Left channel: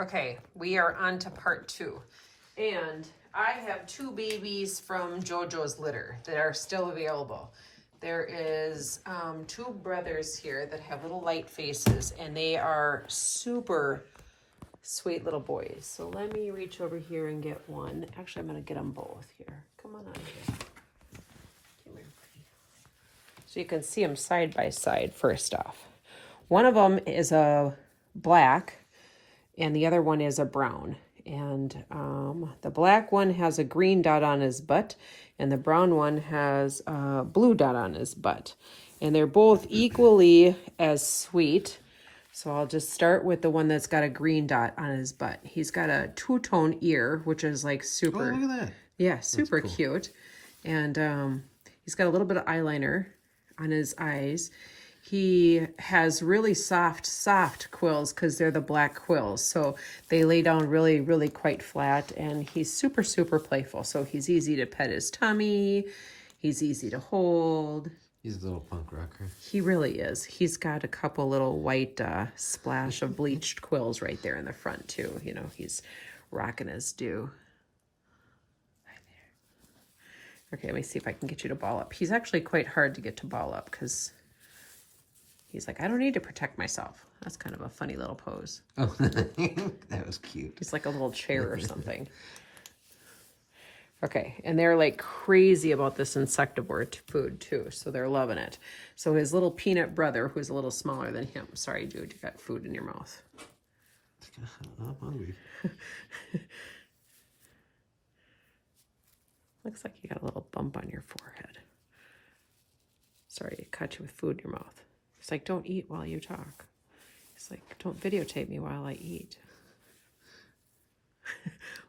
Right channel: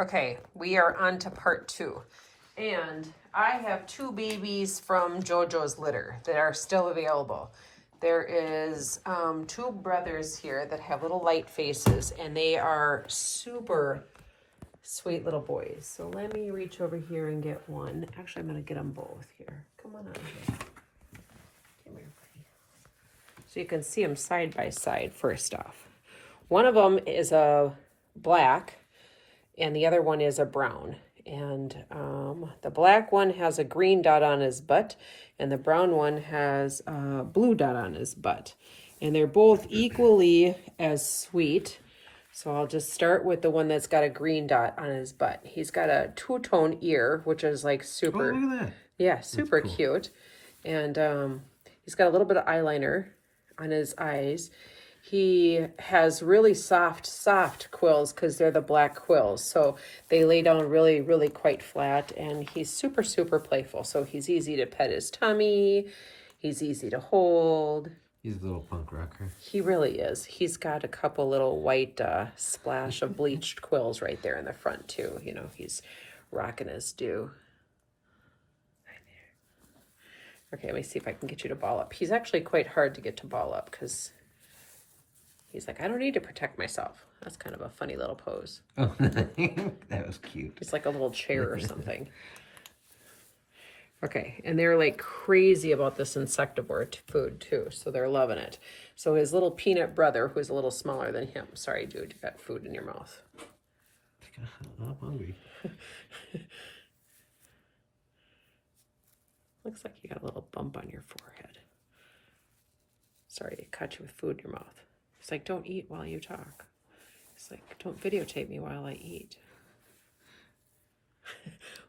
Okay, we are on to part 2. And I have 2 babies from JoJo's litter that are still available. There is 2 brothers here that have little light faces, and they are super sweet little boys. So let me reach over here and get one. Actually, I'm going to get them both here. Come on here. Come here. So you can see them side by side first off. One of them is a black, and the other one is a brown. And the black one has a green dot on his butt, and the brown one has a blue dot on his butt. And they're both equally as sweet. So I'll just start with the one that's got a green dot on his butt. He's got a two-tone ear, which is like super. Oh, look at that. Yeah, super cool. Cute. And he's got a little bit of eyeliner on his eyes. He has really soft quills because they're the black quills. So they lay down really, really quite flat. And he's super, super playful. So he's easy to pet his tummy. He's easy to hold. He's a little punk rocker. He really is. He's got a couple little white splash of bleached quills right there in the front too. You know, he's rocking his do. Right there. Okay, let me see if I can get you to ball up. He's actually quite hard to get to ball up because he's like, I don't need to protect myself. That's kind of a funny little pose. Oh, that was cute. He's like a little chair or something. Okay, and they're like crazy about this insectivore food too, so they're loving it. So his little peanut brother, who's a little smaller than him. Sorry, dude, you got food in your mouth. I'm hungry. Looks like you got a little bump on your forehead. Sorry, it caught you with food in your mouth. He's like, don't eat while you talk. He's like, don't videotape me while I eat.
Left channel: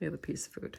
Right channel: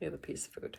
We have a piece of food.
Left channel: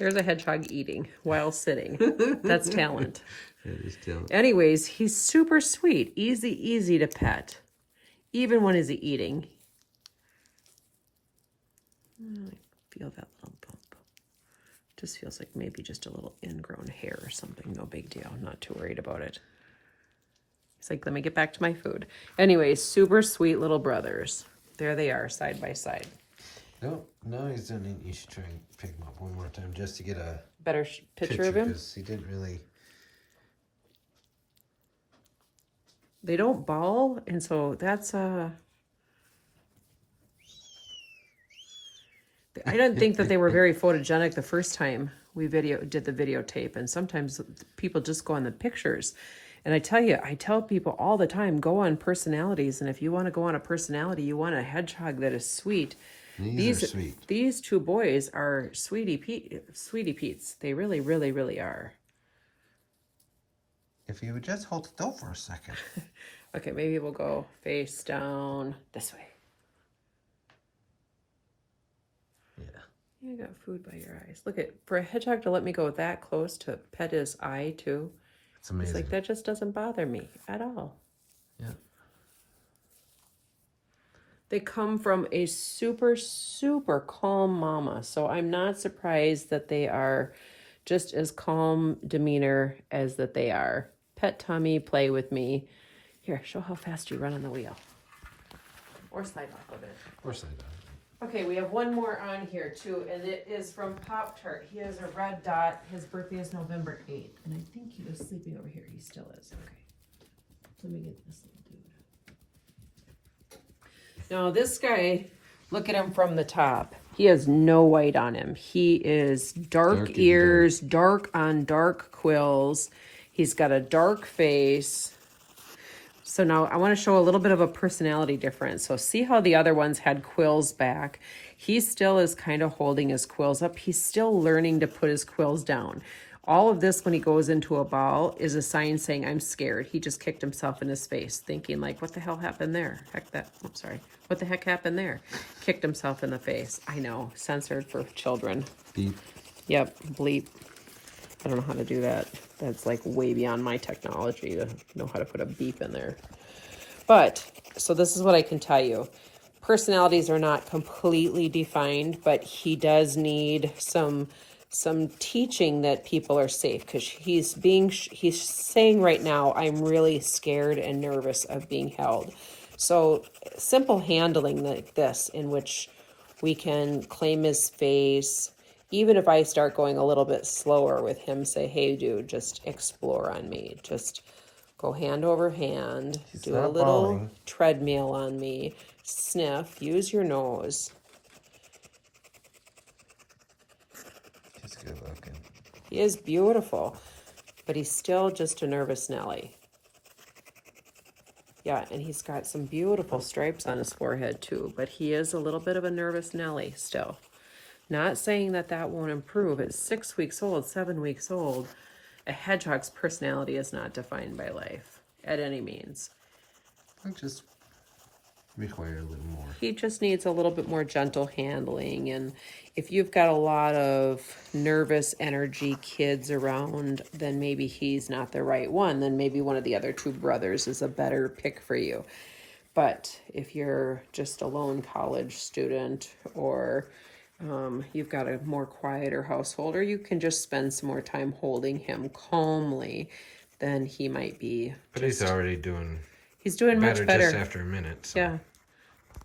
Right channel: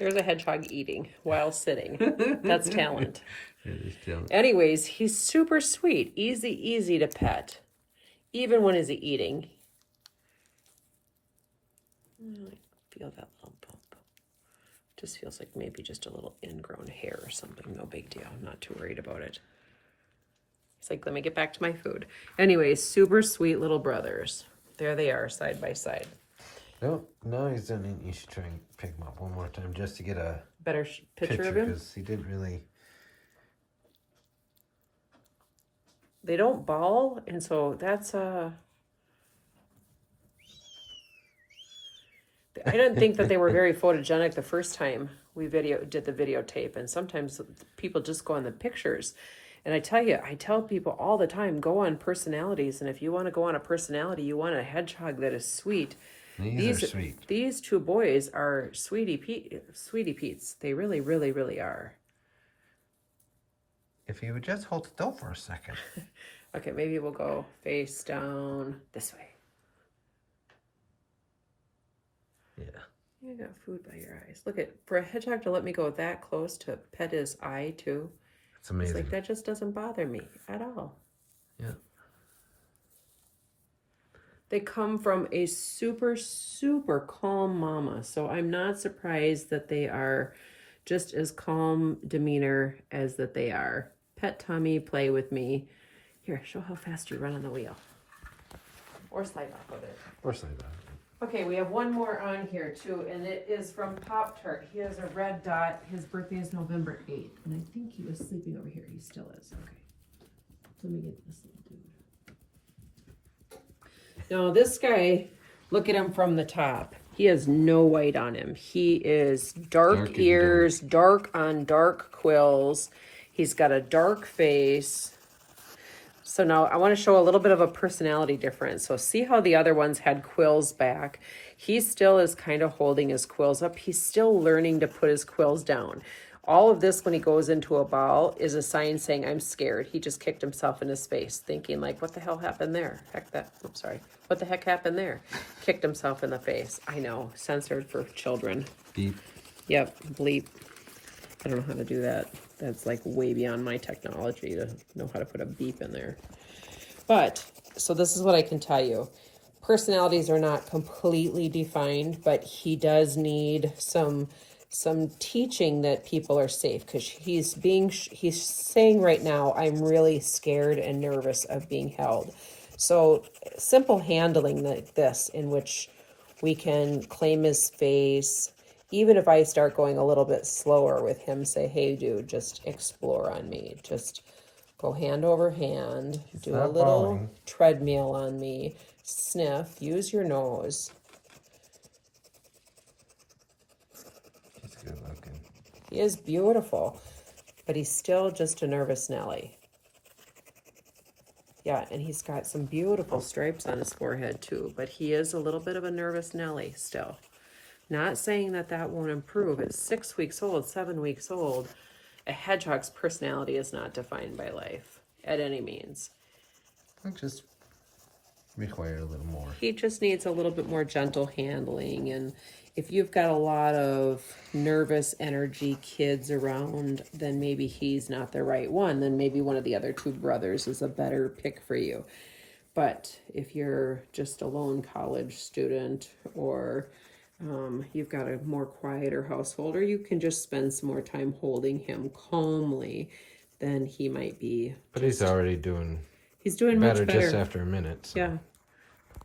There's a hedgehog eating while sitting. That's talent. That is talent. Anyways, he's super sweet. Easy to pet. Even when he's eating. I feel that little bump. Just feels like maybe just a little ingrown hair or something. No big deal. I'm not too worried about it. He's like, let me get back to my food. Anyways, super sweet little brothers. There they are, side by side. No, now he's done it. You should try and pick him up one more time just to get a better picture of him. Because he didn't really. They don't ball, and so that's I didn't think that they were very photogenic the first time we did the videotape, and sometimes people just go on the pictures. And I tell people all the time, go on personalities, and if you want to go on a personality, you want a hedgehog that is sweet. These are sweet. These 2 boys are sweetie Pete's. They really, really, really are. If you would just hold still for a second. Okay, maybe we'll go face down this way. Yeah. You got food by your eyes. Look for a hedgehog to let me go that close to pet his eye too. It's amazing. It's like that just doesn't bother me at all. Yeah. They come from a super, super calm mama. So I'm not surprised that they are just as calm demeanor as that they are. Pet tummy, play with me. Here, show how fast you run on the wheel. Or slide off of it. Or slide off. Okay, we have one more on here too, and it is from Poptart. He has a red dot. His birthday is November 8th, and I think he was sleeping over here. He still is. Okay. Let me get this little dude. Now this guy, look at him from the top. He has no white on him. He is dark ears, dark on dark quills. He's got a dark face. So now I want to show a little bit of a personality difference. So see how the other ones had quills back. He still is kind of holding his quills up. He's still learning to put his quills down. All of this, when he goes into a ball, is a sign saying, I'm scared. He just kicked himself in his face, thinking like, what the hell happened there? What the heck happened there? Kicked himself in the face. I know, censored for children. Beep. Yep, bleep. I don't know how to do that. That's like way beyond my technology to know how to put a beep in there. But, so this is what I can tell you. Personalities are not completely defined, but he does need some some teaching that people are safe, because he's saying right now, I'm really scared and nervous of being held. So simple handling like this, in which we can claim his face. Even if I start going a little bit slower with him, say, hey dude, just explore on me. Just go hand over hand, do a little treadmill on me, sniff, use your nose. He's good looking. He is beautiful, but he's still just a nervous Nelly. Yeah, and he's got some beautiful stripes on his forehead too, but he is a little bit of a nervous Nelly still. Not saying that that won't improve. At 6 weeks old, 7 weeks old, a hedgehog's personality is not defined by life at any means. I just require a little more. He just needs a little bit more gentle handling. And if you've got a lot of nervous energy kids around, then maybe he's not the right one. Then maybe one of the other two brothers is a better pick for you. But if you're just a lone college student, or you've got a more quieter household, or you can just spend some more time holding him calmly, then he might be. But he's already doing. He's doing much better just after a minute. So. Yeah,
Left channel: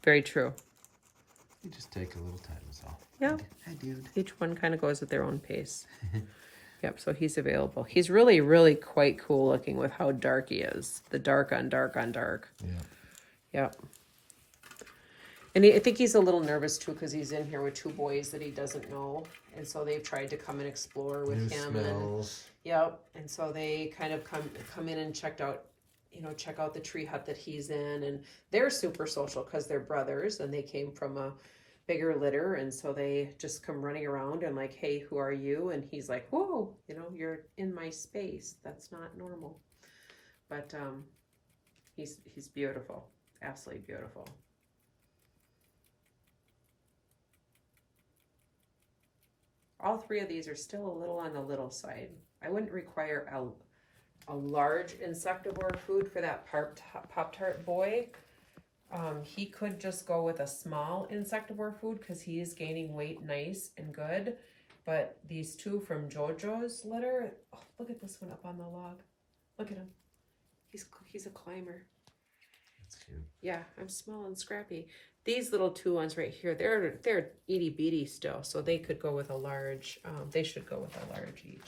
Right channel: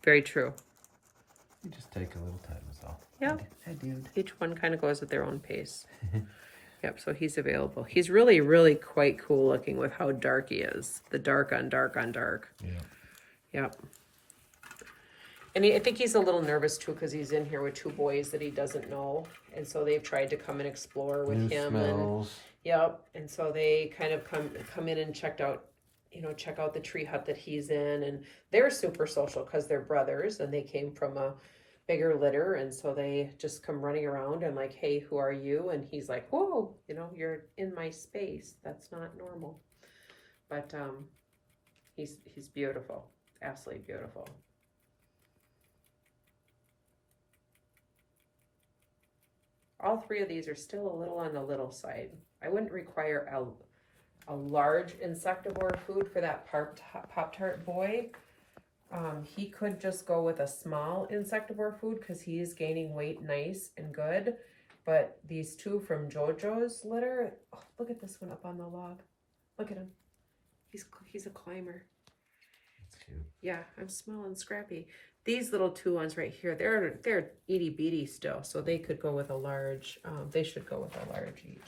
very true. You just take a little time, is all. Yeah. Hi, dude. Each one kind of goes at their own pace. Yep, so he's available. He's really, really quite cool looking with how dark he is. The dark on dark on dark. Yeah. Yep. And I think he's a little nervous too, because he's in here with two boys that he doesn't know. And so they've tried to come and explore with him. Smells. And, yep. And so they kind of come in and check out the tree hut that he's in. And they're super social because they're brothers and they came from a bigger litter. And so they just come running around and like, hey, who are you? And he's like, whoa, you're in my space. That's not normal. But he's beautiful. Absolutely beautiful. All three of these are still a little on the little side. I wouldn't require a large insectivore food for that Pop-Tart boy. He could just go with a small insectivore food because he is gaining weight nice and good. But these two from JoJo's litter, oh, look at this one up on the log. Look at him. He's a climber. That's cute. Yeah, I'm small and scrappy. These little two ones right here, they're itty bitty still, so they could go with a large. They should go with a large each.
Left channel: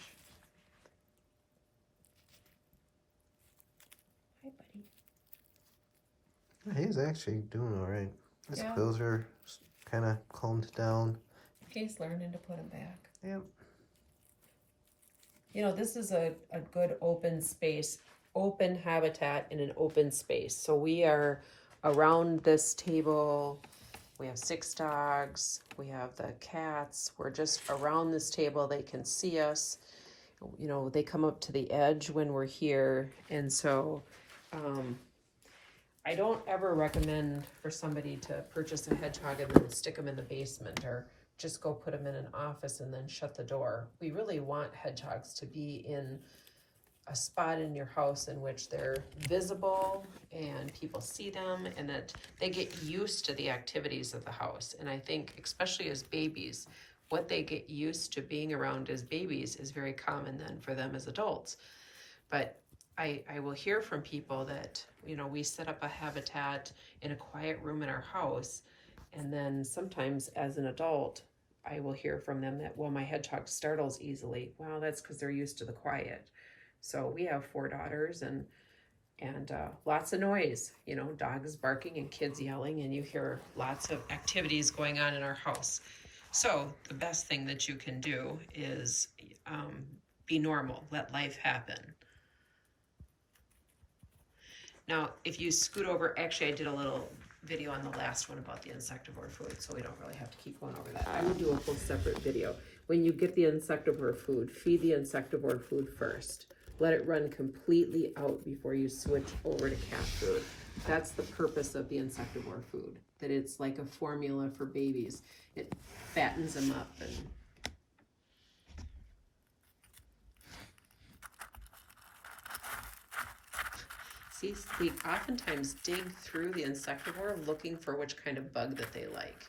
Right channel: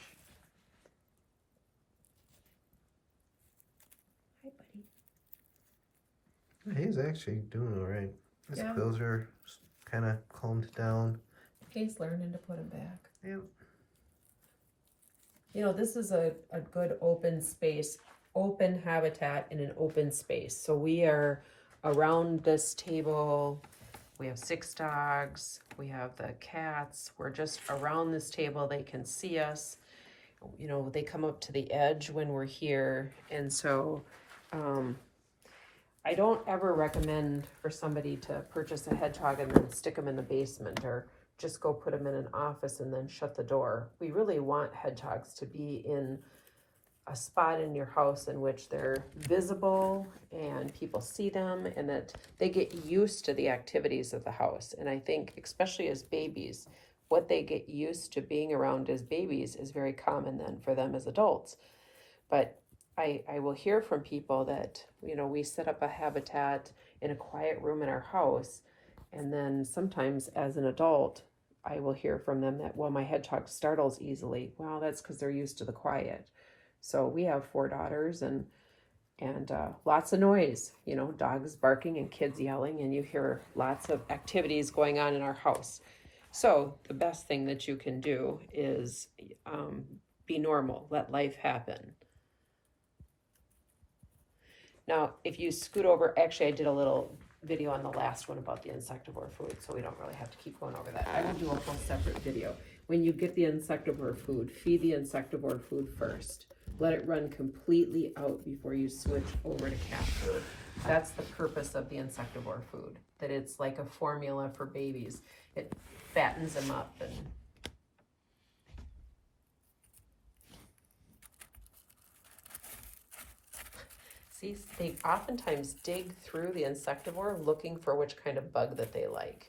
Hi, buddy. He's actually doing all right. His quills are kind of calmed down. He's learning to put them back. Yep. This is a good open space, open habitat in an open space. So we are around this table. We have 6 dogs. We have the cats. We're just around this table. They can see us. They come up to the edge when we're here. And so I don't ever recommend for somebody to purchase a hedgehog and then stick them in the basement, or just go put them in an office and then shut the door. We really want hedgehogs to be in a spot in your house in which they're visible and people see them, and that they get used to the activities of the house. And I think, especially as babies, what they get used to being around as babies is very common then for them as adults. But I will hear from people that, we set up a habitat in a quiet room in our house, and then sometimes as an adult, I will hear from them that, well, my hedgehog startles easily. Well, that's because they're used to the quiet. So we have 4 daughters and lots of noise, dogs barking and kids yelling, and you hear lots of activities going on in our house. So the best thing that you can do is be normal, let life happen. Now, if you scoot over, actually I did a little video on the last one about the insectivore food, so we don't really have to keep going over that. I will do a whole separate video. When you get the insectivore food, feed the insectivore food first. Let it run completely out before you switch over to cat food. That's the purpose of the insectivore food, that it's like a formula for babies. It fattens them up. And see, they oftentimes dig through the insectivore looking for which kind of bug that they like.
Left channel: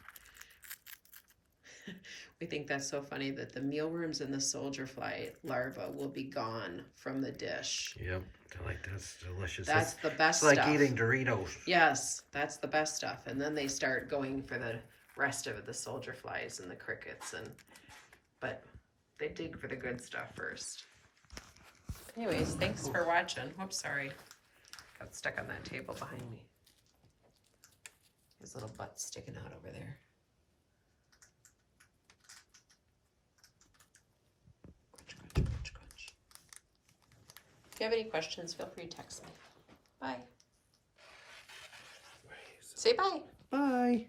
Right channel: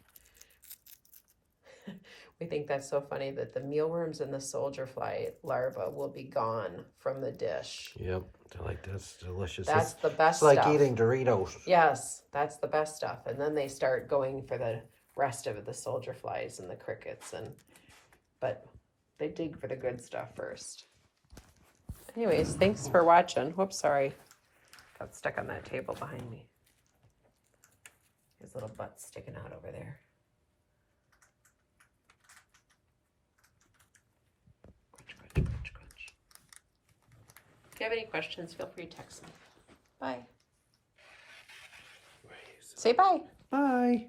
I think that's so funny that the mealworms and the soldier fly larva will be gone from the dish. Yep, they're like, that's delicious. That's the best It's like stuff. eating Doritos. Yes, that's the best stuff. And then they start going for the rest of it, the soldier flies and the crickets, but they dig for the good stuff first. Anyways, thanks for watching. Whoops, sorry. Got stuck on that table behind me. His little butt sticking out over there. Crunch, crunch, crunch, crunch. If you have any questions, feel free to text me. Bye. Say bye. Bye.